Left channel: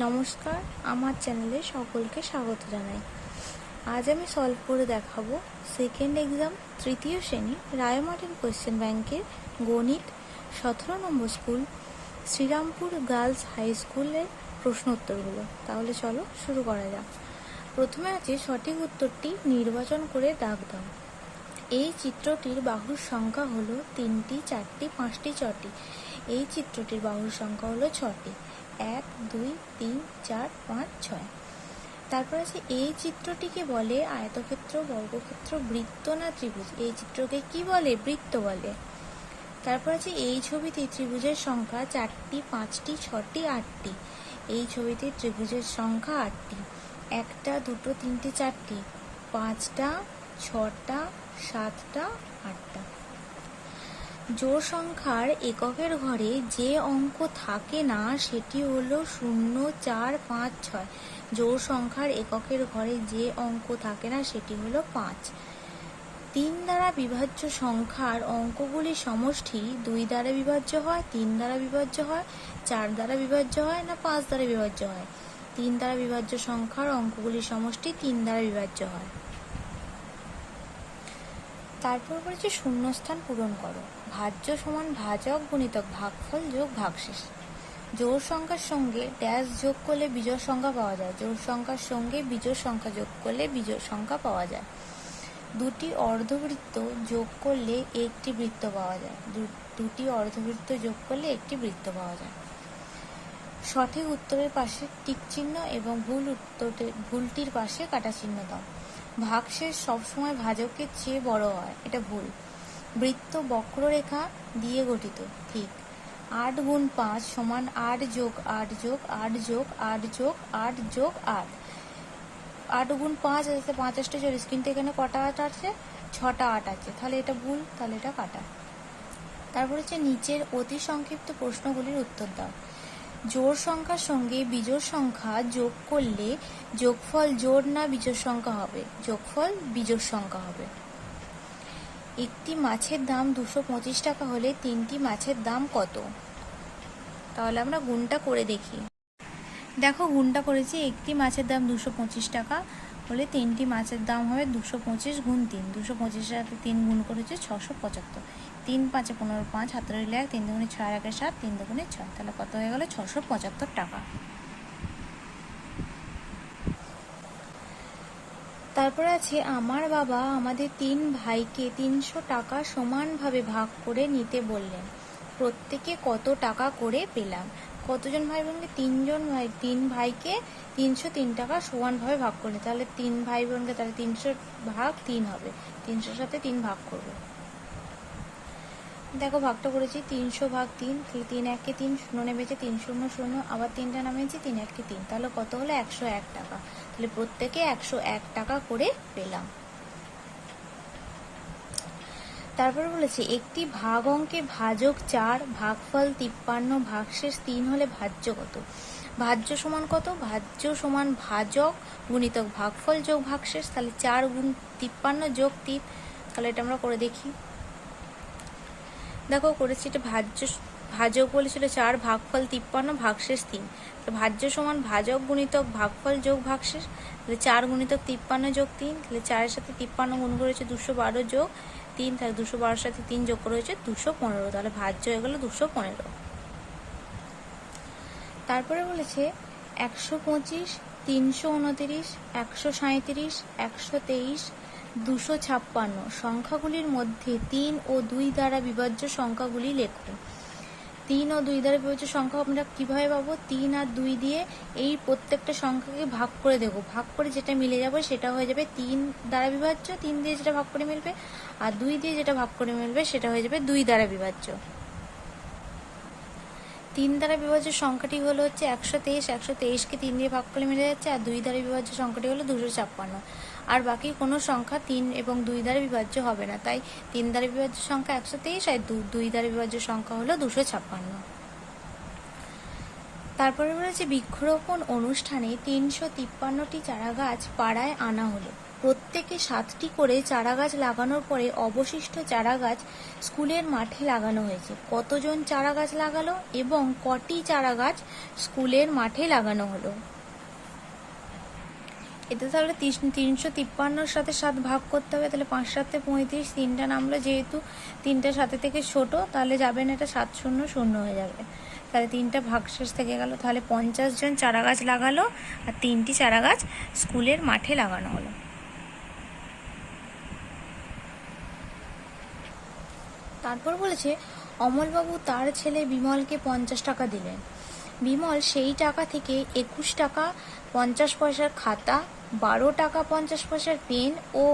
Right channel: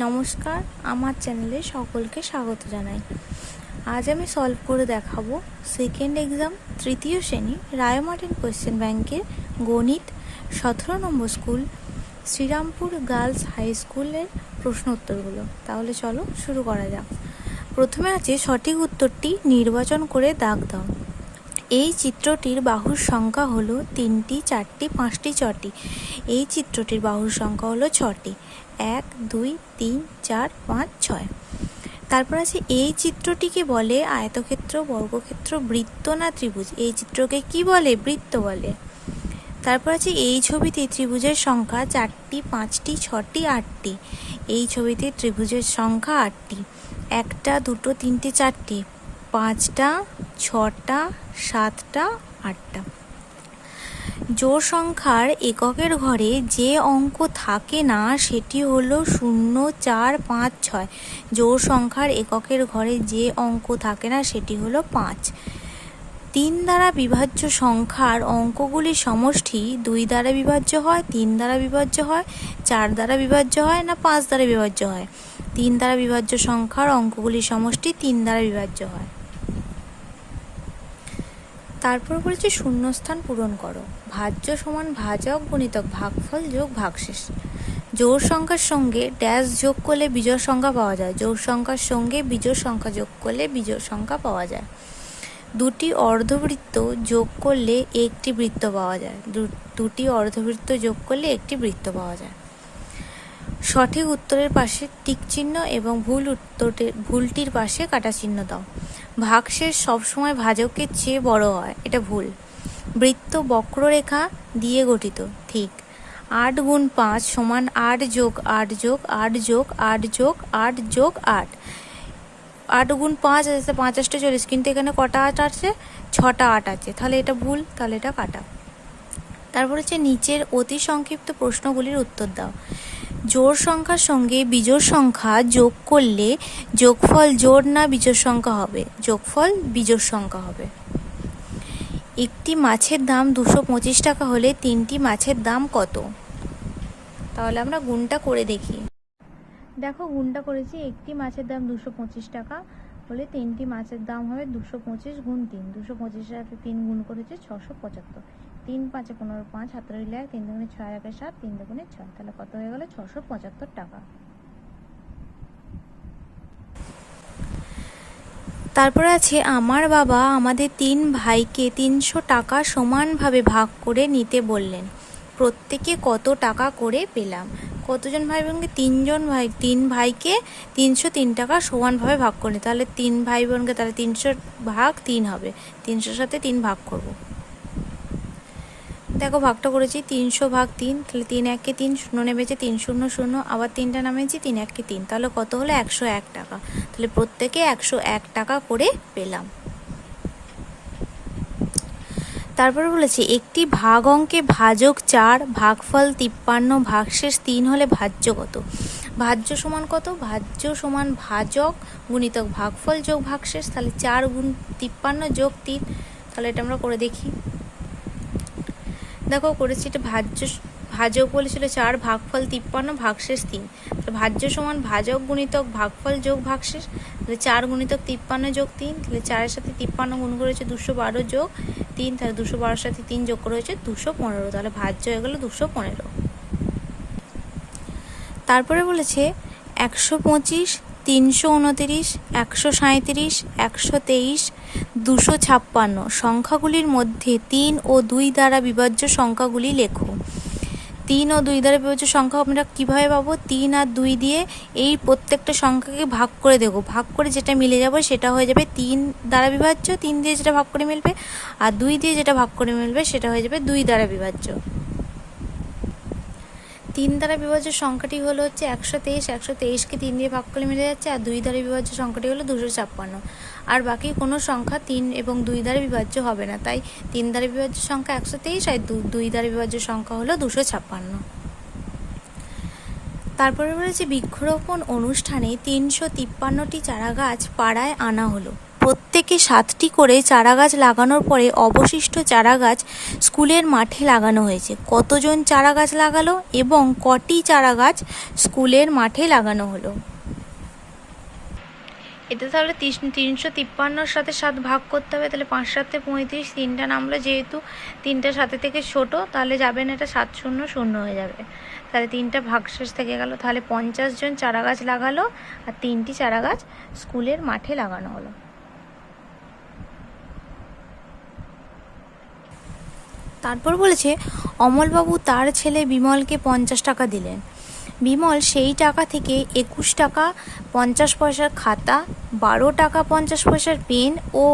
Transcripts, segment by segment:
নমস্কার, আমার চ্যানেলে সকলকে স্বাগত জানাই। আজ আমি সলভ করে দেখাবো সেকেন্ড এক্সাম তৃতীয় শ্রেণী রায়মার্টিন কোয়েশ্চেন ব্যাংকের গণিত 17 নম্বর স্কুল শ্রীরামপুর গার্লস হাই স্কুলের প্রশ্ন উত্তরগুলো। তাহলে চলো শুরু করা যাক। প্রথমে আছে সঠিক উত্তরটি নির্বাচন করে দাগ দাও। এই চিত্রটির বাহুর সংখ্যা হলো 3টি, 4টি, 5টি, 6টি। এই চিত্রটির বাহুর সংখ্যা হলো 6টি। 1, 2, 3, 4, 5, 6। তারপর আছে এই চিত্রটিকে বলে আয়তক্ষেত্র, বর্গক্ষেত্র, বৃত্ত না ত্রিভুজ? এই চিত্রকে কি বলে? বৃত্ত বলে। তারপর আছে এই ছবিতে ত্রিভুজের সংখ্যা 4টি, 5টি, 6টি, 8টি। এই ছবিতে ত্রিভুজের সংখ্যা 8টি। 1টা, 2টো, 3টে, 4টে, 5টা, 6টা, 7টা, 8টা। জোড় সংখ্যার এককের ঘরে যে অঙ্ক থাকে না সেটি হলো 0, 4, 5, 6। জোড় সংখ্যার এককের ঘরে যে অঙ্ক থাকে না সেটি হলো 5। 3 দ্বারা বিভাজ্য সংখ্যার অঙ্কগুলির সমষ্টি 2 দ্বারা বিভাজ্য হয়, 3 দ্বারা বিভাজ্য হয়, 4 দ্বারা বিভাজ্য হয় না 5 দ্বারা বিভাজ্য হয়? 3 দ্বারা বিভাজ্য সংখ্যার অঙ্কগুলির সমষ্টি 3 দ্বারা বিভাজ্য হয়। তারপর বলেছে শূন্যস্থান পূরণ করো। ভাজ্য সমান ভাজক গুণিতক ভাগফল যোগ ভাগশেষ। জোড় সংখ্যার সঙ্গে ড্যাশ যোগ করলে বিজোড় সংখ্যা পাওয়া যায়। জোড় সংখ্যার সঙ্গে বিজোড় সংখ্যা যোগ করলে বিজোড় সংখ্যা পাওয়া যায়। দুটি অর্ধবৃত্ত যোগ করলে একটি বৃত্ত পাওয়া যায়। দুটি অর্ধবৃত্ত যোগ করলে একটি বৃত্ত পাওয়া যায়। সঠিক উত্তরের পাশে টিক চিহ্ন এবং ভুলটির পাশে কাটা চিহ্ন দাও। ভাগশেষ সবসময় ভাজকের চেয়ে বড় হয়, এটা ভুল। বৃত্ত বক্ররেখা দিয়ে গঠিত, ঠিক। 8 গুণ 5 সমান 8 যোগ 8 যোগ 8 যোগ 8 যোগ 8 যোগ 8। 8 গুণ 5 আছে 5 8 40, কিন্তু এখানে কটা 8 আছে? 6টা 8 আছে, তাহলে এটা ভুল, তাহলে এটা কাটা। তারপর হচ্ছে নিচের অতি সংক্ষিপ্ত প্রশ্নগুলির উত্তর দাও। জোড় সংখ্যার সঙ্গে বিজোড় সংখ্যা যোগ করলে যোগফল জোড় না বিজোড় সংখ্যা হবে? যোগফল বিজোড় সংখ্যা হবে। একটি মাছের দাম 225 টাকা হলে 3টি মাছের দাম কত? তাহলে আমরা গুণটা করে দেখি। দেখো গুণটা করেছি। একটি মাছের দাম 225 টাকা হলে 3টি মাছের দাম হবে 225 গুণ 3। 225 সাথে 3 গুণ করেছে 675। 3 5 15, 5 হাতে রইল 1, 3 দুগুণে 6, 1 7, 3 দুগুণে 6, তাহলে কত হয়ে গেল? 675 টাকা। তারপরে আছে আমার বাবা আমাদের 3 ভাইকে 300 টাকা সমানভাবে ভাগ করে নিতে বললেন, প্রত্যেকে কত টাকা করে পেলাম? কতজন ভাই বোনকে? 3 ভাইকে 303 টাকা সমানভাবে ভাগ করে, তাহলে 3 ভাই বোনকে, তাহলে 300 ভাগ 3 হবে। 300 সাথে 3 ভাগ করব। দেখো ভাগটা করেছি 300 ভাগ 3, তাহলে 3 1কে 3, 0 নেমেছে 3 0 0, আবার 3টা নামেছি 3 1কে 3, তাহলে কত হলো? 101 টাকা। তাহলে প্রত্যেকে 101 টাকা করে পেলাম। তারপরে বলেছে একটি ভাগ অঙ্কে ভাজক 4, ভাগফল 53, ভাগশেষ 3 হলে ভাজ্য কত? ভাজ্য সমান কত? ভাজ্য সমান ভাজক গুণিতক ভাগফল যোগ ভাগশেষ, তাহলে 4 গুণ 53 যোগ 3, তাহলে এটা আমরা করে দেখি। দেখো করেছি, এটা ভাজক বলেছিল 4, ভাগফল 53, ভাগশেষ 3। তো ভাজ্য সমান ভাজক গুণিতক ভাগফল যোগ ভাগশেষ, তাহলে 4 গুণিতক 53 যোগ 3, তাহলে 4-এর সাথে 53 গুণ করেছে 212 যোগ 3, তাহলে 212-এর সাথে 3 যোগ করে হয়েছে 215, তাহলে ভাজ্য হয়ে গেল 215। তারপরে বলেছে 125, 329, 137, 123, 256 সংখ্যাগুলির মধ্যে 3 ও 2 দ্বারা বিভাজ্য সংখ্যাগুলি লেখো। 3 ও 2 দ্বারা বিভাজ্য সংখ্যা আমরা কীভাবে পাবো? 3 আর 2 দিয়ে এই প্রত্যেকটা সংখ্যাকে ভাগ করে দেবো, ভাগ করে যেটা মিলে যাবে সেটা হয়ে যাবে 3 দ্বারা বিভাজ্য। 3 দিয়ে যেটা ভাগ করে মিলবে, আর 2 দিয়ে যেটা ভাগ করে মিলবে সেটা হয়ে যাবে 2 দ্বারা বিভাজ্য। 3 দ্বারা বিভাজ্য সংখ্যাটি হলো হচ্ছে 123। 123কে 3 দিয়ে ভাগ করে মিলে যাচ্ছে, আর 2 দ্বারা বিভাজ্য সংখ্যাটি হলো 256। আর বাকি কোনো সংখ্যা 3 এবং 2 দ্বারা বিভাজ্য হবে না, তাই 3 দ্বারা বিভাজ্য সংখ্যা 123 আর 2 দ্বারা বিভাজ্য সংখ্যা হলো 256। তারপরে বলেছে বৃক্ষরোপণ অনুষ্ঠানে 353টি চারা গাছ পাড়ায় আনা হলো, প্রত্যেকে 7টি করে চারা গাছ লাগানোর পরে অবশিষ্ট চারা গাছ স্কুলের মাঠে লাগানো হয়েছে। কতজন চারা গাছ লাগালো এবং কটি চারা গাছ স্কুলের মাঠে লাগানো হলো? এতে তাহলে 353 সাথে 7 ভাগ করতে হবে, তাহলে 5 7 35, 3টা নামলো, যেহেতু 3টা 7 থেকে ছোট তাহলে যাবে না, এটা 7 0 0 হয়ে যাবে, তাহলে 3টা ভাগশেষ থেকে গেল। তাহলে 50 জন চারা গাছ লাগালো আর 3টি চারা গাছ স্কুলের মাঠে লাগানো হলো। তারপর বলেছে অমলবাবু তার ছেলে বিমলকে 50 টাকা দিলেন। বিমল সেই টাকা থেকে 21 টাকা 50 পয়সার খাতা, 12 টাকা 50 পয়সার পেন ও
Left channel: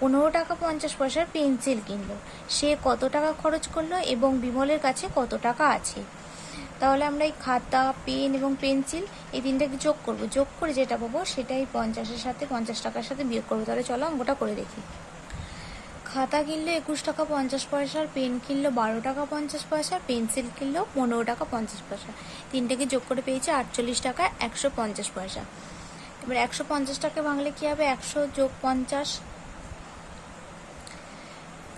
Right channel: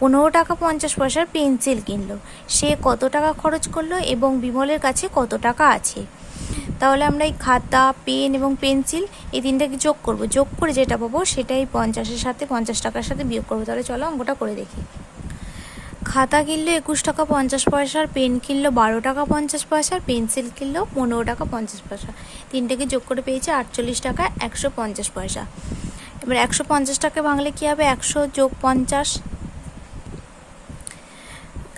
15 টাকা 50 পয়সার পেন্সিল কিনলো। সে কত টাকা খরচ করলো এবং বিমলের কাছে কত টাকা আছে? তাহলে আমরা এই খাতা, পেন এবং পেন্সিল এই তিনটাকে যোগ করব, যোগ করে যেটা পাবো সেটাই 50-এর সাথে 50 টাকার সাথে বিয়োগ করবো। তাহলে চলো অঙ্কটা করে দেখি। খাতা কিনলো 21 টাকা 50 পয়সার, পেন কিনলো 12 টাকা 50 পয়সার, পেন্সিল কিনলো 15 টাকা 50 পয়সা। তিনটাকে যোগ করে পেয়েছে 48 টাকা 150 পয়সা। এবার 150 টাকা ভাঙলে কী হবে? 100 যোগ 50।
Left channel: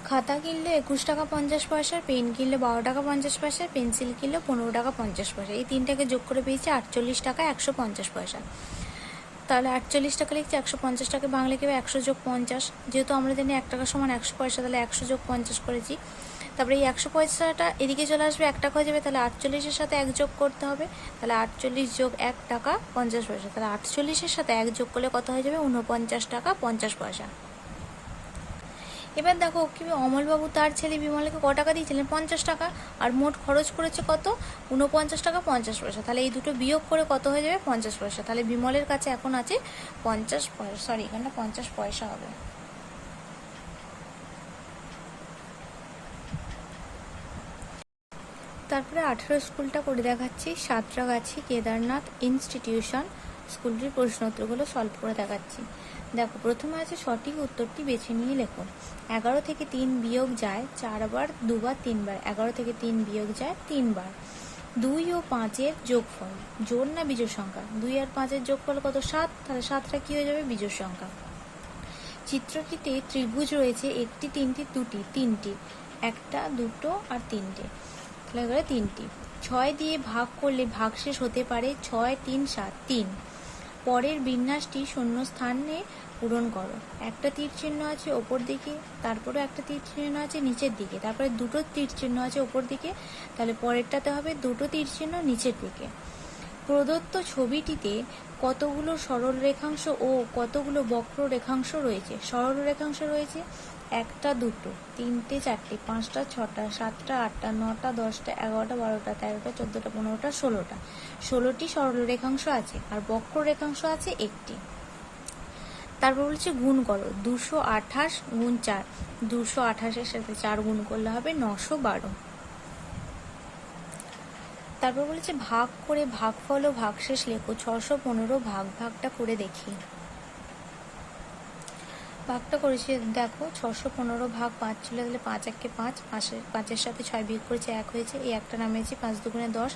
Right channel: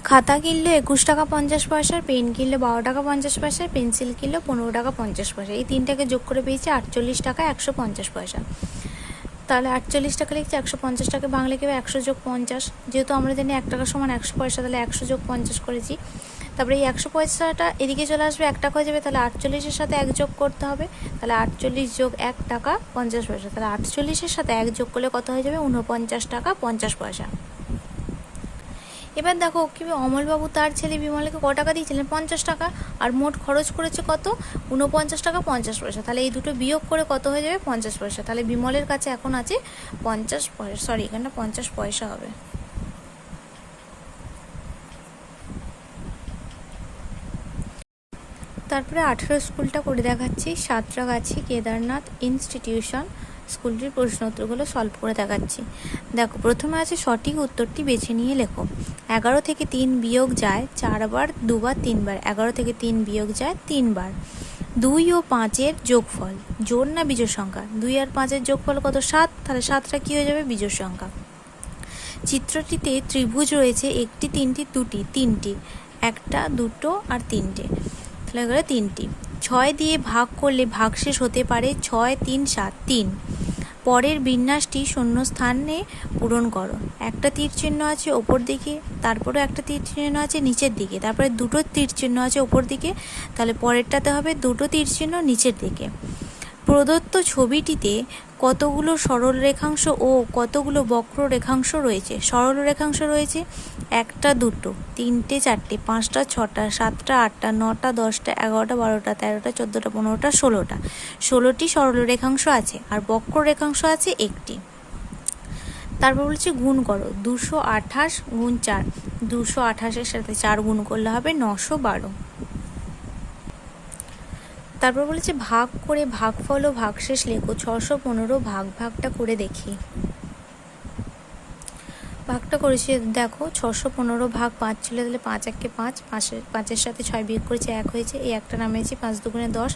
খাতা কিনলো 21 টাকা 50 পয়সার, পেন কিনলো 12 টাকা 50 পয়সার, পেন্সিল কিনলো 15 টাকা 50 পয়সা। এই তিনটাকে যোগ করে পেয়েছে 48 টাকা 150 পয়সা। তাহলে 48 টাকা লিখছে, 150 টাকা বাংলা কেউ 100 যোগ 50, যেহেতু আমরা জানি 1 টাকা সমান 100 পয়সা, তাহলে 100 যোগ 50 করেছি। তারপরে এই 100 পয়সাটা এদিকে চলে আসবে, 1 টাকা হয়ে যাবে, তাহলে 48-এর সাথে 1 যোগ করতে হবে, তাহলে 48 যোগ 1 টাকা 50 পয়সা, তাহলে 48-এর সাথে 1 যোগ করলে কত হয়ে যাবে? 49 টাকা 50 পয়সা। এবার দেখো কি অমলবাবু তার ছেলে বিমলকে ক টাকা দিয়েছিলেন? 50 টাকা, আর মোট খরচ করেছে কত? 49 টাকা 50 পয়সা। তাহলে এই দুটো বিয়োগ করে কত হয়ে যাবে? 50 পয়সা। তাহলে বিমলের কাছে এখন আছে 50 পয়সা, সরি এখানে 50 পয়সা হবে। তারপরে 18 স্কুলটা করে দেখাচ্ছি। সাঁতরাগাছি কেদারনাথ ইনস্টিটিউশন স্কুলটির প্রশ্ন উত্তরগুলো সলভ করে দেখাচ্ছি। দেখো প্রথমে আছে সঠিক উত্তরটি বেছে নিয়ে লেখো। 11 থেকে 3 বিয়োগ যায় 4 বার, 2 বার, 3 বার। 11 থেকে 3 বিয়োগ যায় 3 বার। 2 ও 5-এর যোগফল জোড় না বিজোড় সংখ্যা? 2 আর 5-এর যোগফল কত? 7, তাহলে 7টা কি হয়ে যাবে? বিজোড় সংখ্যা। চিত্রটিতে ত্রিভুজ রয়েছে একটি, তিনটি, দুটি, তিনটি, একটা, দুটো আর তিনটে, তাহলে গেলে 3টি। 6 দিয়ে ভাগ করলে ভাগশেষ হতে পারে 6 3 7 3। পরের বিন্যাসটি শূন্য স্থানে পূরণ করো। একটা তীর চিহ্ন আছে ওপর দিকে, তারপরে একটা তীর চিহ্ন আছে নিচের দিকে, তারপরে দুটো তীর চিহ্ন আছে ওপর দিকে, তাহলে পরেরটাতে হবে দুটো তীর চিহ্ন নিচের দিকে। প্রদত্ত ছবিটিতে কতগুলো সরল রেখাংশ ও কতগুলো বক্র রেখাংশ রয়েছে? সরল রেখাংশ রয়েছে 1টা 2টো 3টে 4টে 5টা 6টা 7টা 8টা 9টা 10টা 11টা 12টা 13টা 14টা 15টা 16টা। 16টি সরল রেখাংশ আছে আর বক্র রেখাংশ আছে 1টি। তারপর বলছে গুণ করো। 228 গুণ 4, 228-এর সাথে 4 গুণ করলে হবে 912। তারপর বলেছে ভাগ করে ভাগফল ও ভাগশেষ লেখো। 615 ভাগটা করে দেখি। ভাগটা করেছি, দেখো 615 ভাগ 5 ছিল, তাহলে 5 1 5, 5-এর সাথে 6 বিয়োগ করেছে 1 হয়েছে, এই একটা নামিয়েছি, 5 2 10,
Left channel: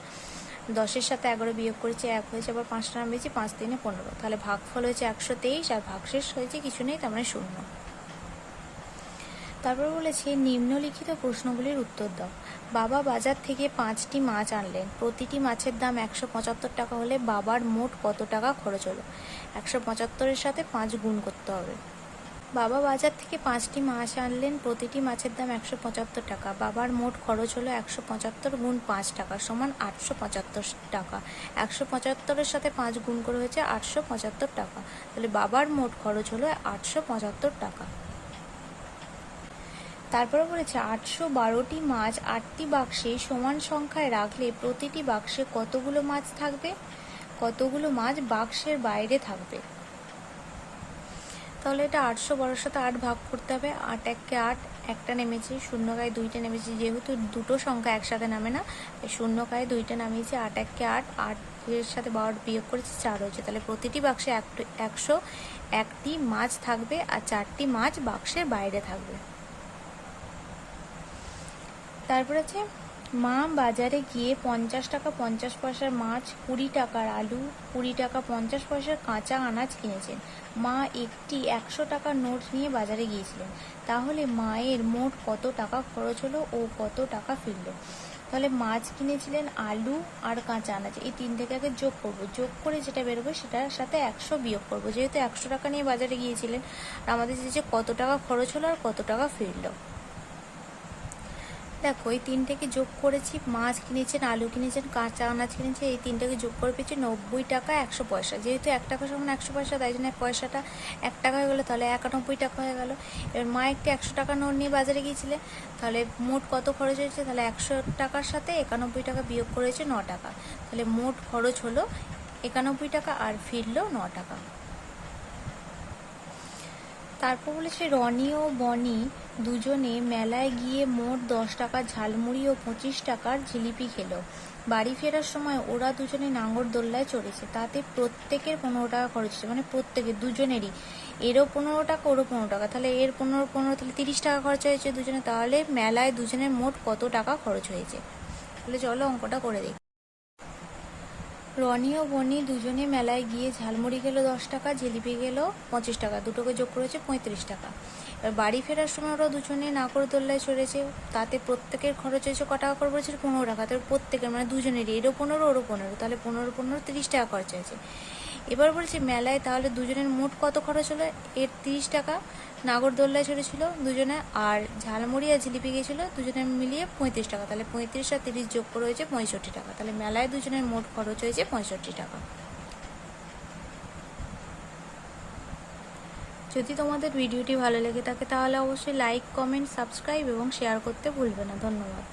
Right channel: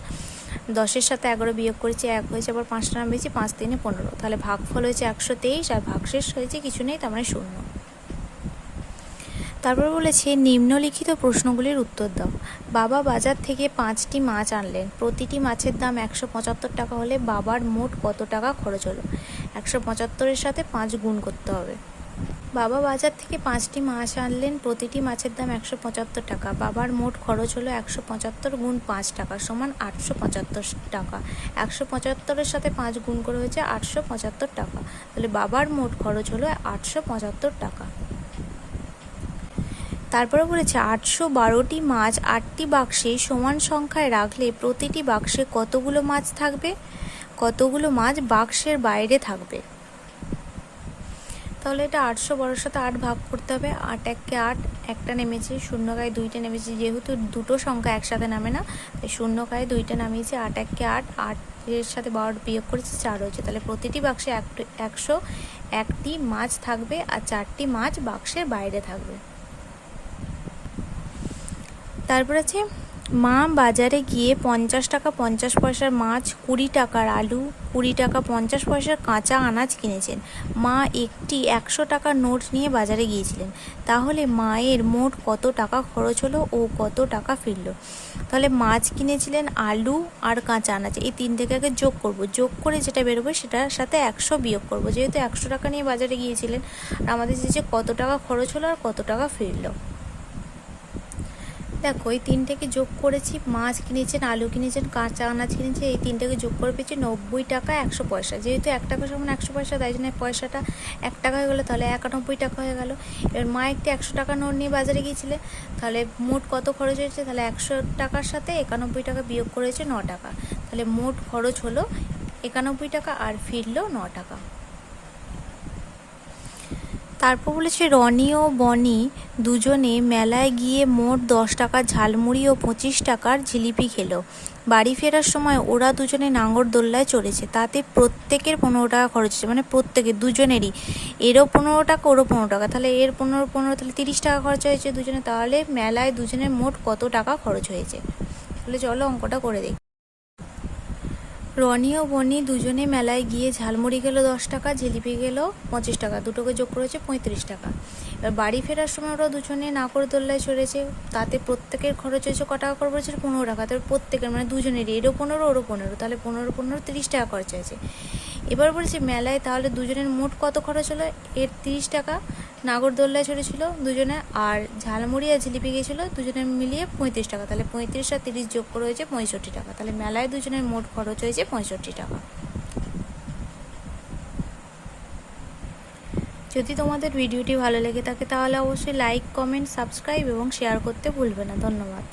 10-এর সাথে 11 বিয়োগ করেছে 1 হয়েছে, আবার 5টা নামিয়েছি, 5 3 15, তাহলে ভাগফল হয়েছে 123 আর ভাগশেষ হয়েছে কিছু নেই, তার মানে 0। তারপর বলেছে নিম্নলিখিত প্রশ্নগুলির উত্তর দাও। বাবা বাজার থেকে 5টি মাছ আনলেন, প্রতিটি মাছের দাম 175 টাকা হলে বাবার মোট কত টাকা খরচ হলো? 175-এর সাথে 5 গুণ করতে হবে। বাবা বাজার থেকে 5টি মাছ আনলেন, প্রতিটি মাছের দাম 175 টাকা, বাবার মোট খরচ হলো 175 গুণ 5 টাকা সমান 875 টাকা। 175-এর সাথে 5 গুণ করে হয়েছে 875 টাকা, তাহলে বাবার মোট খরচ হলো 875 টাকা। তারপরে বলেছে 812টি মাছ 8টি বাক্সে সমান সংখ্যায় রাখলে প্রতিটি বাক্সে কতগুলো মাছ থাকবে? কতগুলো মাছ বাক্সের বাইরে থাকবে? তাহলে এটা 812-এর সাথে 8 ভাগ করতে হবে। 8 1 8, একটা নেমেছে, শূন্য গায়ে 2টে নেমেছে, যেহেতু দুটো সংখ্যা একসাথে নামে না, শূন্য গায়ে 2টে নামিয়েছে। 8 1 8, 8-এর সাথে 12 বিয়োগ করেছে 4 হয়েছে, তাহলে প্রতিটি বাক্সে 101টি মাছ থাকবে আর 4টি মাছ বাক্সের বাইরে থাকবে। তারপর আছে মা বাজারে গিয়ে 50 টাকা 50 পয়সার মাছ, 20 টাকার আলু, 20 টাকা 50 পয়সার কাঁচা আনাজ কিনেছেন। মা একটি 100 টাকার নোট নিয়ে বাজারে গিয়েছিলেন। তাহলে মায়ের মোট কত টাকা খরচ হলো ও কত টাকা ফিরলো? তাহলে মাছ কিনেছিলেন, আলু আর কাঁচা আনাজ, এই তিন থেকে আগে যোগ করব। যোগ করে যেটা বেরোবে সেটার সাথে 100 বিয়োগ করব। যেহেতু 100 টাকা নিয়ে বাজারে গিয়েছিলেন, আর আমাদের যে কত টাকা খরচ হলো আর কত টাকা ফিরলো। দেখো এই তিনটেকে যোগ করেছি, মাছ কিনেছেন, আলু কিনেছেন, কাঁচা আনাজ কিনেছে, এই তিনটাকে যোগ করে পেয়েছি 90 টাকা 100 পয়সা। যেহেতু 1 টাকা সমান 100 পয়সা, তাই জন্য পয়সাটা 1 টাকা হয়ে গেলো, তাহলে 91 টাকা হয়ে গেল। এবার মা একটি 100 টাকা নোট নিয়ে বাজারে গিয়েছিলে, তাহলে মোট কত খরচ হয়েছে? তাহলে 100 টাকার সাথে 91 টাকা বিয়োগ করেছে 9 টাকা, তাহলে মোট খরচ হলো 91 টাকা আর ফিরলো 9 টাকা। তারপর বলেছে রনি ও বনি দুজনে মেলায় গিয়ে মোট 10 টাকার ঝালমুড়ি ও 25 টাকার জিলিপি খেলো। বাড়ি ফেরার সময় ওরা দুজনে নাগরদোল্লায় চড়েছে, তাতে প্রত্যেকের 15 টাকা খরচ হয়েছে, মানে প্রত্যেকের দুজনেরই, এরও 15 টাকা ওরও 15 টাকা, তাহলে এর 15 তাহলে 30 টাকা খরচ হয়েছে দুজনে। তাহলে মেলায় দুজনের মোট কত টাকা খরচ হয়েছে? তাহলে চলো অঙ্কটা করে দেখি। রনি ও বনি দুজনে মেলায় গিয়ে ঝালমুড়ি গেল 10 টাকা, জিলিপি গেল 25 টাকা, দুটোকে যোগ করেছে 35 টাকা। এবার বাড়ি ফেরার সময় ওরা দুজনে নাগরদোল্লায় চড়েছে, তাতে প্রত্যেকের খরচ হয়েছে ক টাকা করে বলেছে? 15 টাকা। তাহলে প্রত্যেকের মানে দুজনেরই, এরও 15 ওরও 15, তাহলে 15 30 টাকা খরচ হয়েছে। এবার বলেছে মেলায় তাহলে দুজনের মোট কত খরচ হলো? এর 30 টাকা, নাগরদোল্লায় চড়েছিল দুজনে, আর ঝালমুড়ি আর জিলিপি গেছিলো দুজনে মিলিয়ে 35 টাকা, তাহলে 35 আর 30 যোগ করে হয়েছে 65 টাকা, তাহলে মেলায় দুজনের মোট খরচ হয়েছে 65 টাকা। যদি তোমাদের ভিডিওটি ভালো লেগে থাকে তাহলে অবশ্যই লাইক, কমেন্ট, সাবস্ক্রাইব এবং শেয়ার করতে ভুলবে না। ধন্যবাদ।